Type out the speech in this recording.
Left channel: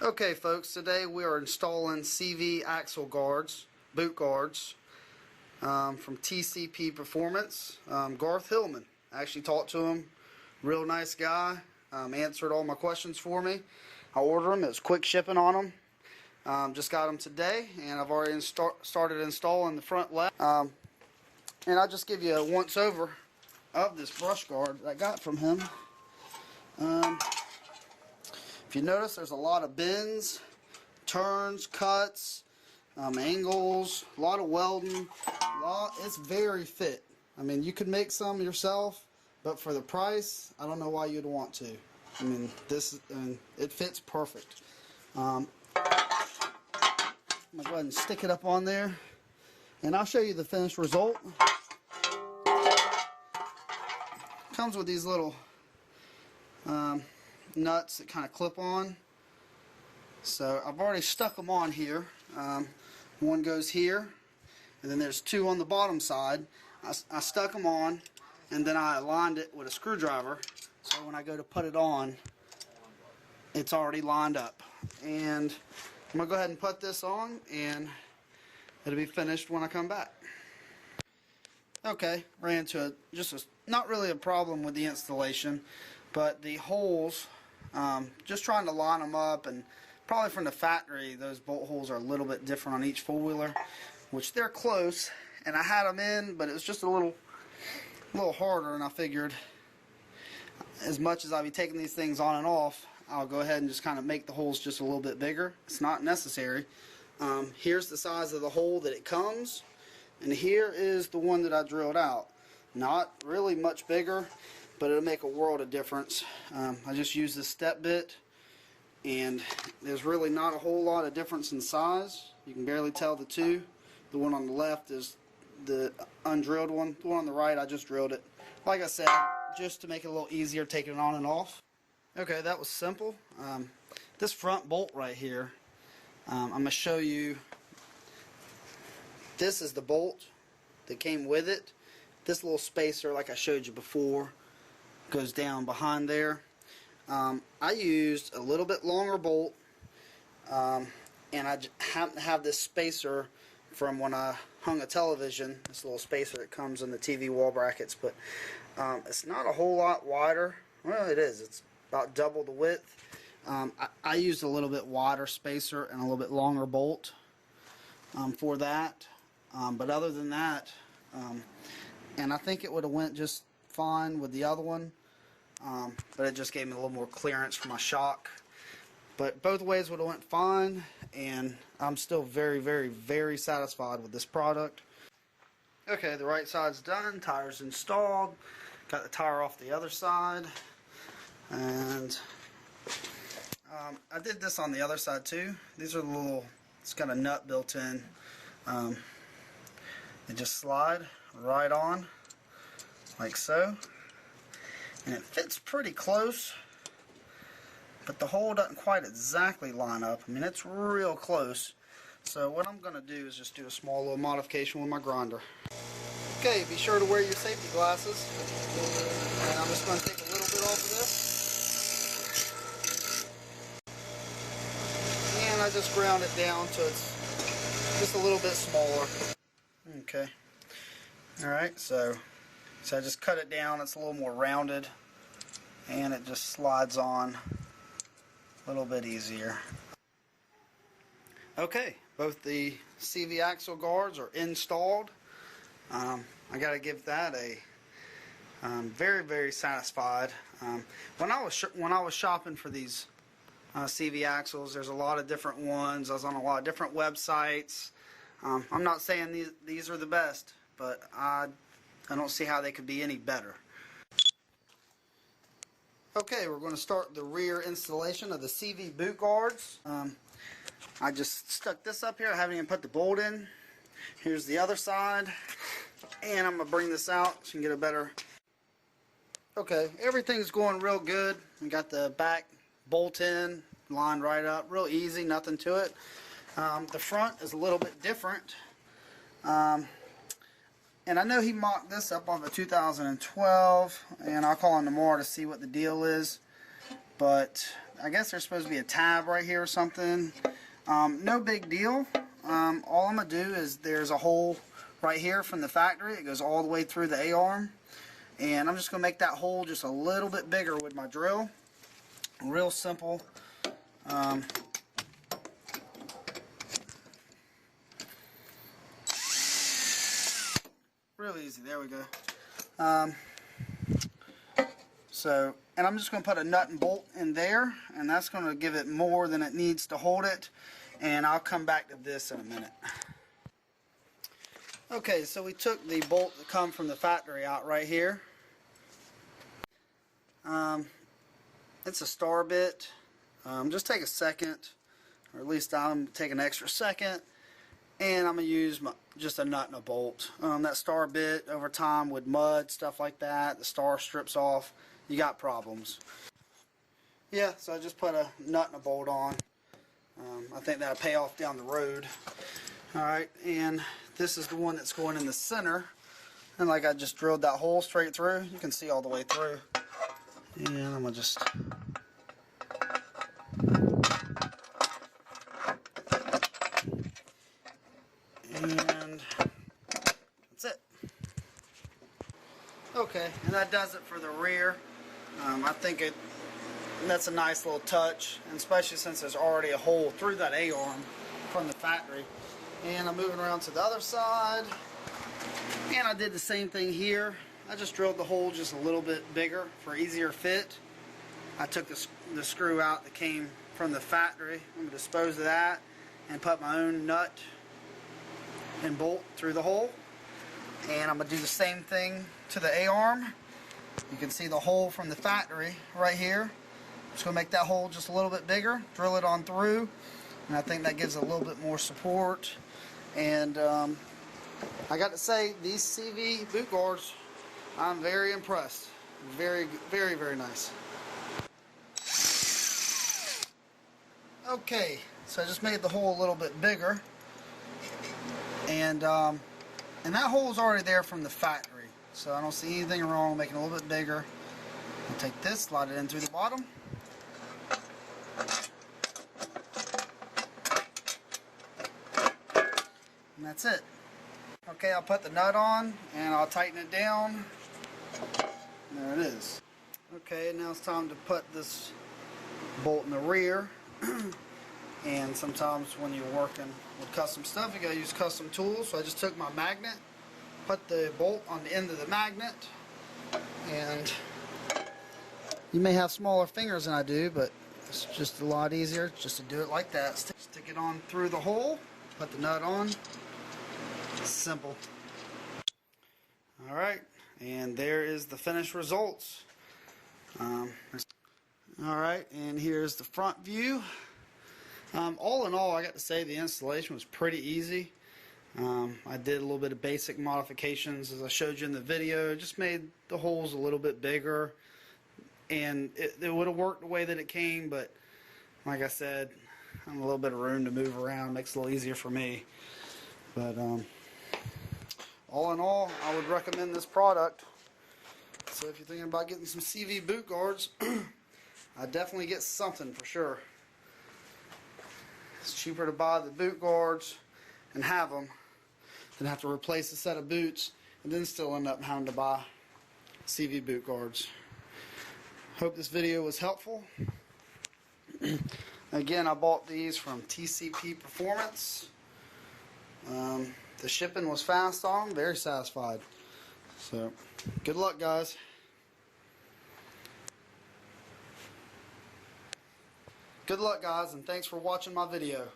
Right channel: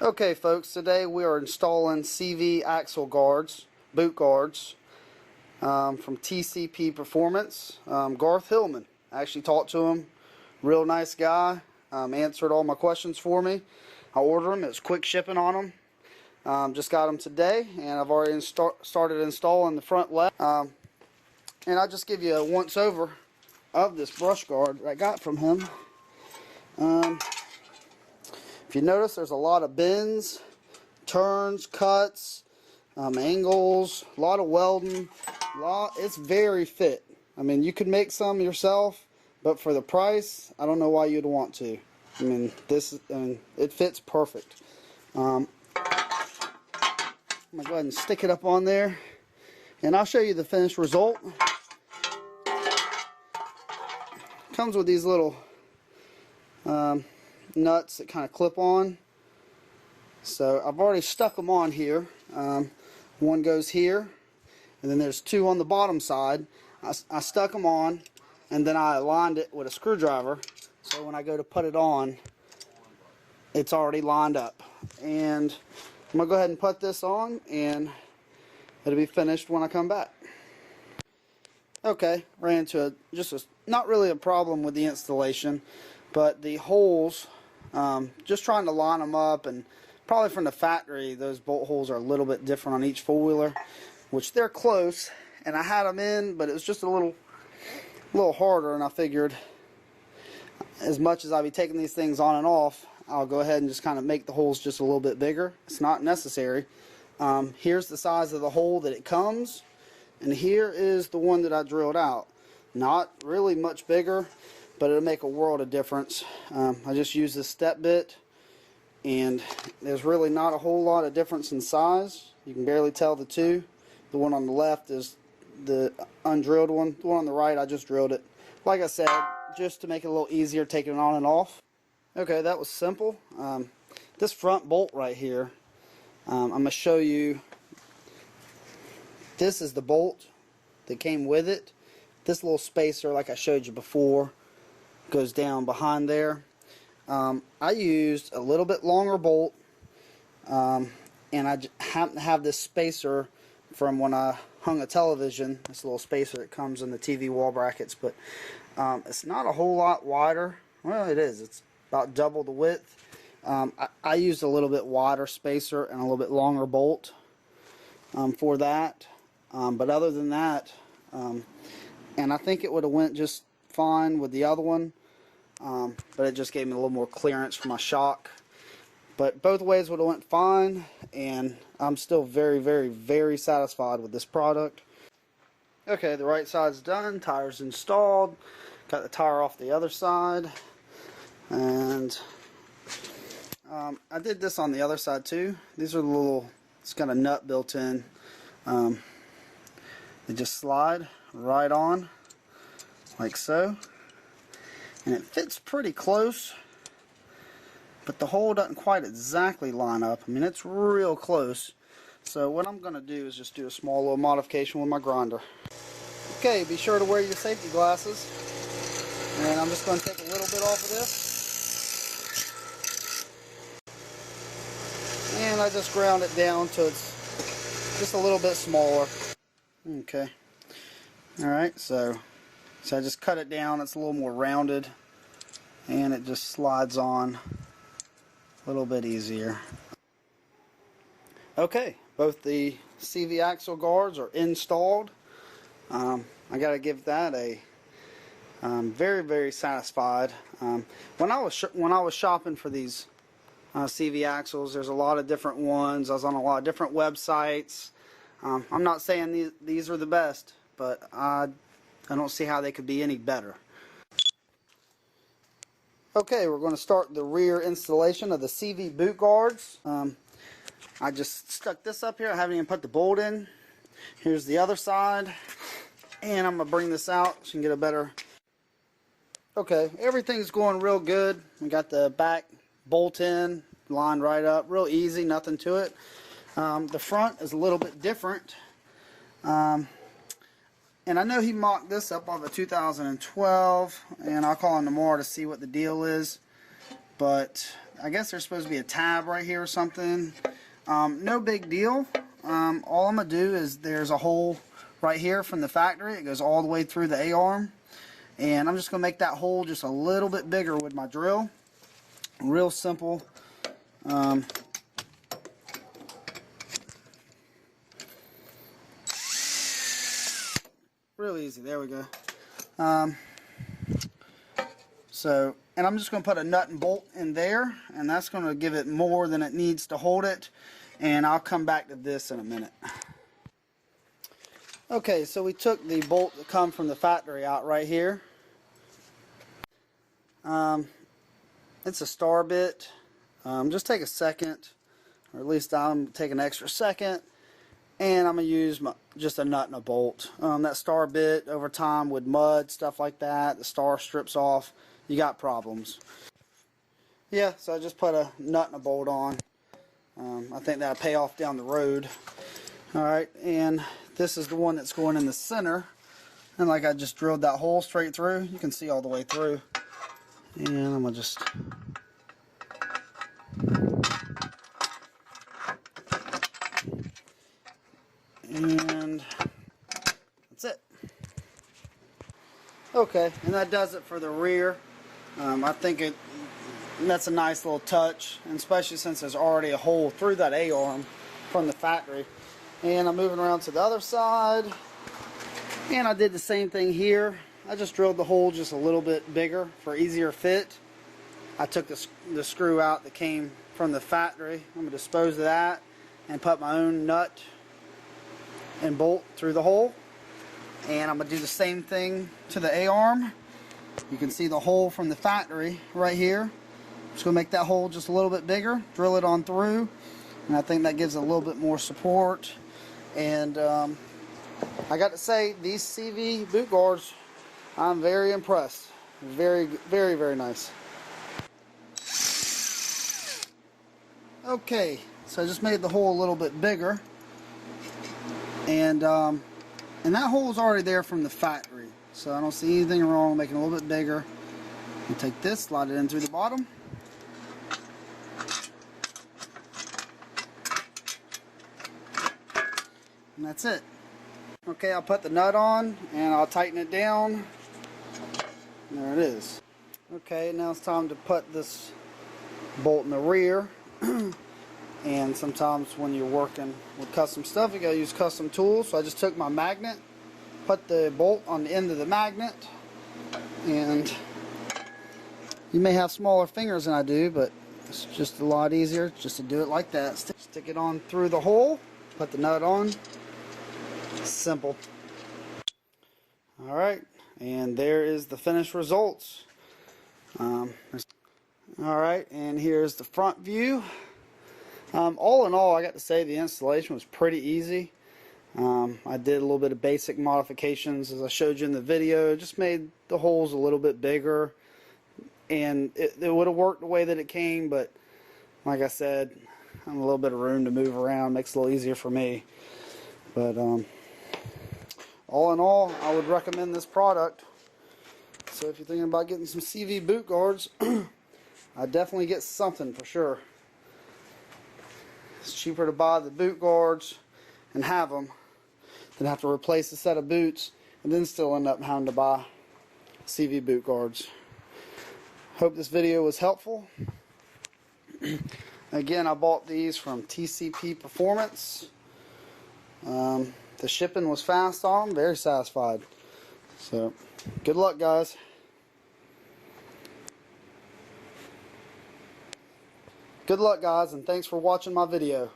Okay folks, today we are installing CV axle guards, boot guards, from TCP Performance. Garth Hillman, I actually talked to him, real nice guy, answered all my questions for me. I ordered them, it was quick shipping on them. Just got them today, and I've already started installing the front left. And I'll just give you a once over of this brush guard that I got from him. If you notice, there's a lot of bends, turns, cuts, angles, a lot of welding. It's very fit. I mean, you could make some yourself, but for the price, I don't know why you'd want to. I mean, it fits perfect. I'm gonna go ahead and stick it up on there, and I'll show you the finished result. Comes with these little nuts that kind of clip on. So I've already stuck them on here. One goes here, and then there's two on the bottom side. I stuck them on, and then I aligned it with a screwdriver, so when I go to put it on, it's already lined up. And I'm gonna go ahead and put this on, and it'll be finished when I come back. Okay, ran into not really a problem with the installation, but the holes, just trying to line them up, and probably from the factory those bolt holes are a little bit different on each four-wheeler, which they're close, and I had them in, but it was just a little harder, and I figured as much as I'll be taking these things on and off, I'll go ahead and just kind of make the holes just a little bit bigger. It's not necessary. Here's the size of the hole that it comes, and here is the one that I drilled out. Not really much bigger, but it'll make a world of difference. I just use this step bit, and there's really not a whole lot of difference in size. You can barely tell the two. The one on the left is the undrilled one. The one on the right, I just drilled it. Like I said, just to make it a little easier taking it on and off. Okay, that was simple. This front bolt right here, I'm going to show you. This is the bolt that came with it. This little spacer, like I showed you before, goes down behind there. I used a little bit longer bolt, and I happen to have this spacer from when I hung a television. This little spacer that comes in the TV wall brackets, but it's not a whole lot wider. Well, it is. It's about double the width. I used a little bit wider spacer and a little bit longer bolt for that. But other than that, and I think it would have went just fine with the other one, but it just gave me a little more clearance for my shock. But both ways would have went fine, and I'm still very, very, very satisfied with this product. Okay, the right side's done, tire's installed, got the tire off the other side, and I did this on the other side too. These are the little, it's got a nut built in. They just slide right on, like so. And it fits pretty close, but the hole doesn't quite exactly line up. I mean, it's real close. So what I'm going to do is just do a small little modification with my grinder. Okay, be sure to wear your safety glasses. And I'm just going to take a little bit off of this. And I just ground it down so it's just a little bit smaller. Okay. Alright, so I just cut it down. It's a little more rounded, and it just slides on a little bit easier. Okay, both the CV axle guards are installed. I got to give that a very, very satisfied. When I was shopping for these CV axles, there's a lot of different ones. I was on a lot of different websites. I'm not saying these are the best, but I don't see how they could be any better. Okay, we're going to start the rear installation of the CV Boot Guards. I just stuck this up here. I haven't even put the bolt in. Here's the other side. And I'm going to bring this out so you can get a better... Okay, everything's going real good. We got the back bolt in, lined right up. Real easy, nothing to it. The front is a little bit different. And I know he mocked this up on the 2012, and I'll call him tomorrow to see what the deal is. But I guess there's supposed to be a tab right here or something. No big deal. All I'm going to do is there's a hole right here from the factory. It goes all the way through the A-arm. And I'm just going to make that hole just a little bit bigger with my drill. Real simple. Real easy. There we go. And I'm just going to put a nut and bolt in there, and that's going to give it more than it needs to hold it, and I'll come back to this in a minute. Okay, so we took the bolt that come from the factory out right here. It's a star bit. Just take a second, or at least I'm take an extra second, and I'm going to use just a nut and a bolt. That star bit over time with mud, stuff like that, the star strips off, you got problems. Yeah, so I just put a nut and a bolt on. I think that'll pay off down the road. Alright, and this is the one that's going in the center. And like I just drilled that hole straight through, you can see all the way through. And I'm going to just... And that's it. Okay, and that does it for the rear. I think that's a nice little touch, and especially since there's already a hole through that A-arm from the factory. And I'm moving around to the other side, and I did the same thing here. I just drilled the hole just a little bit bigger for easier fit. I took the screw out that came from the factory. I'm going to dispose of that and put my own nut and bolt through the hole. And I'm going to do the same thing to the A-arm. You can see the hole from the factory right here. Just going to make that hole just a little bit bigger, drill it on through, and I think that gives it a little bit more support. And I got to say, these CV Boot Gaurds, I'm very impressed. Very, very, very nice. Okay, so I just made the hole a little bit bigger, and that hole is already there from the factory, so I don't see anything wrong making it a little bit bigger. And take this, slide it in through the bottom. And that's it. Okay, I'll put the nut on and I'll tighten it down. There it is. Okay, now it's time to put this bolt in the rear. And sometimes when you're working with custom stuff, you gotta use custom tools. So I just took my magnet, put the bolt on the end of the magnet, and you may have smaller fingers than I do, but it's just a lot easier just to do it like that. Stick it on through the hole, put the nut on. Simple. Alright, and there is the finished results. Alright, and here's the front view. All in all, I got to say the installation was pretty easy. I did a little bit of basic modifications as I showed you in the video. Just made the holes a little bit bigger, and it would have worked the way that it came, but like I said, I have a little bit of room to move around, makes it a little easier for me. But all in all, I would recommend this product. So if you're thinking about getting some CV Boot Gaurds, I'd definitely get something for sure. It's cheaper to buy the Boot Gaurds and have them than have to replace a set of boots and then still end up having to buy CV Boot Gaurds. Hope this video was helpful. Again, I bought these from TCP Performance. The shipping was fast on them, very satisfied. So, good luck, guys. Good luck, guys, and thanks for watching my video.